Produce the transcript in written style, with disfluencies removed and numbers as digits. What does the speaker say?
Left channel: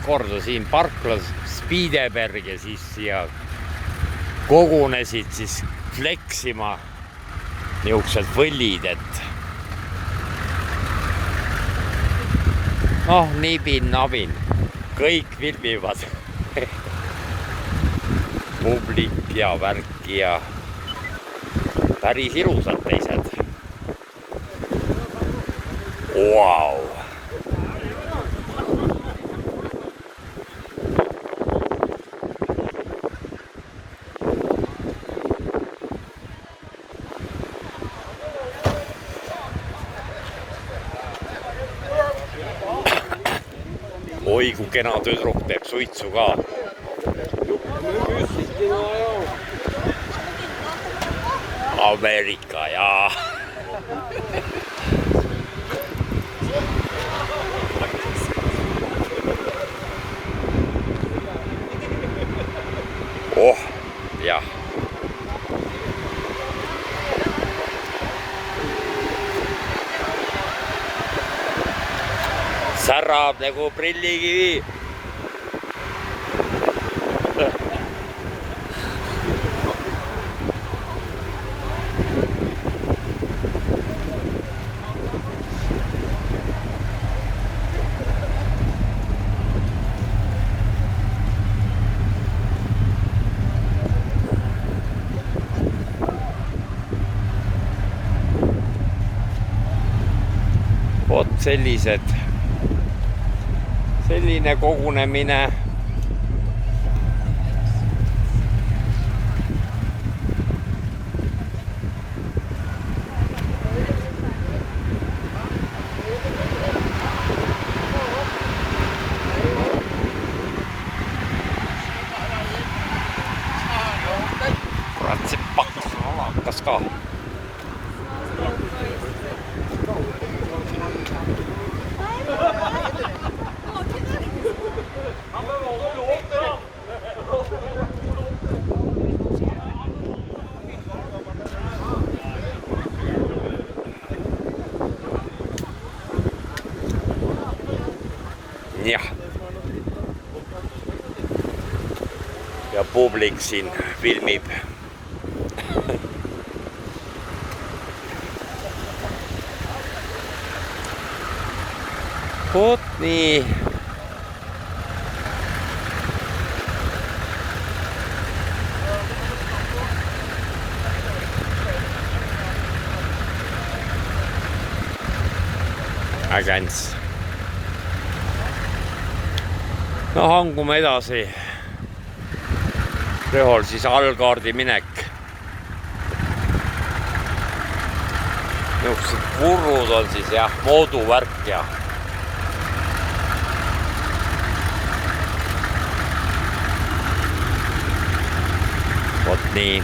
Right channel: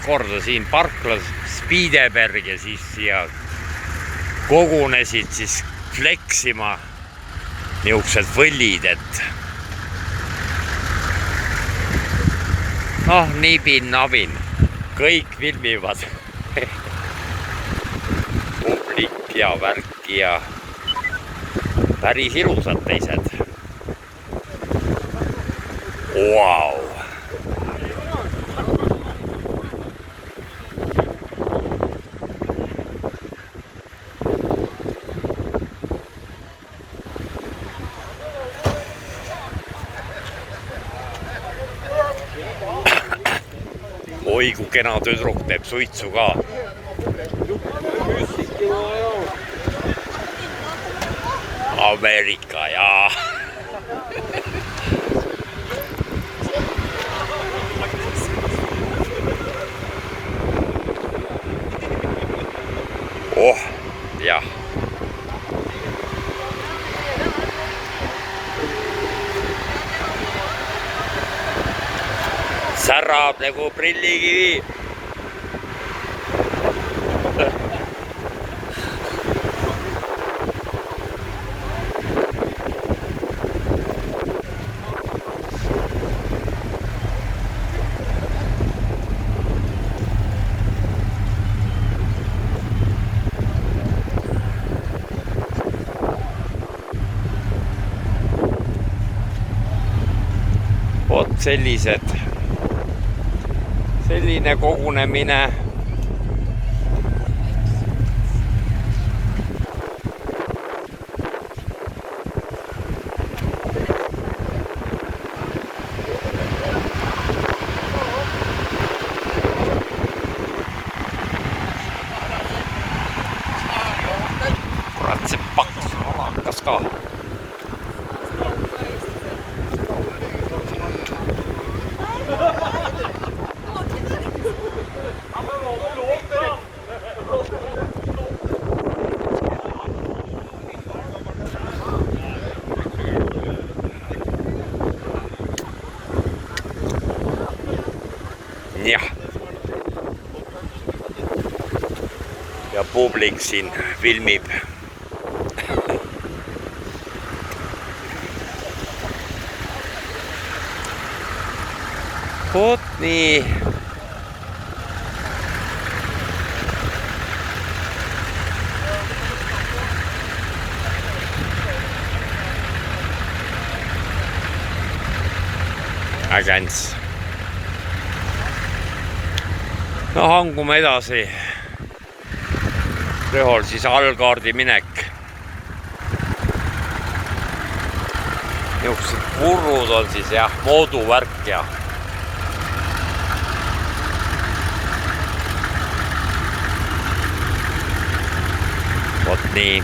esimest korda siin parklas Spideberg ja siis siia kogunesid siis fleksima niisugused võllid, et noh, nibin-nabin, kõik filmivad publik ja värki ja päris ilusad teised. Vau! Oi, kui kena tüdruk teeb suitsu ka. Ameerika, jaa. Oh, jah. Särab nagu prillikivi. Vot selline kogunemine. Kurat, see pakkus on alakas ka. Jah. Ja publik siin filmib. Vot nii. Ägents. No hangume edasi. Rõhol siis allkaardi minek. Niisugused purrud on siis jah, mooduvärk ja vot nii.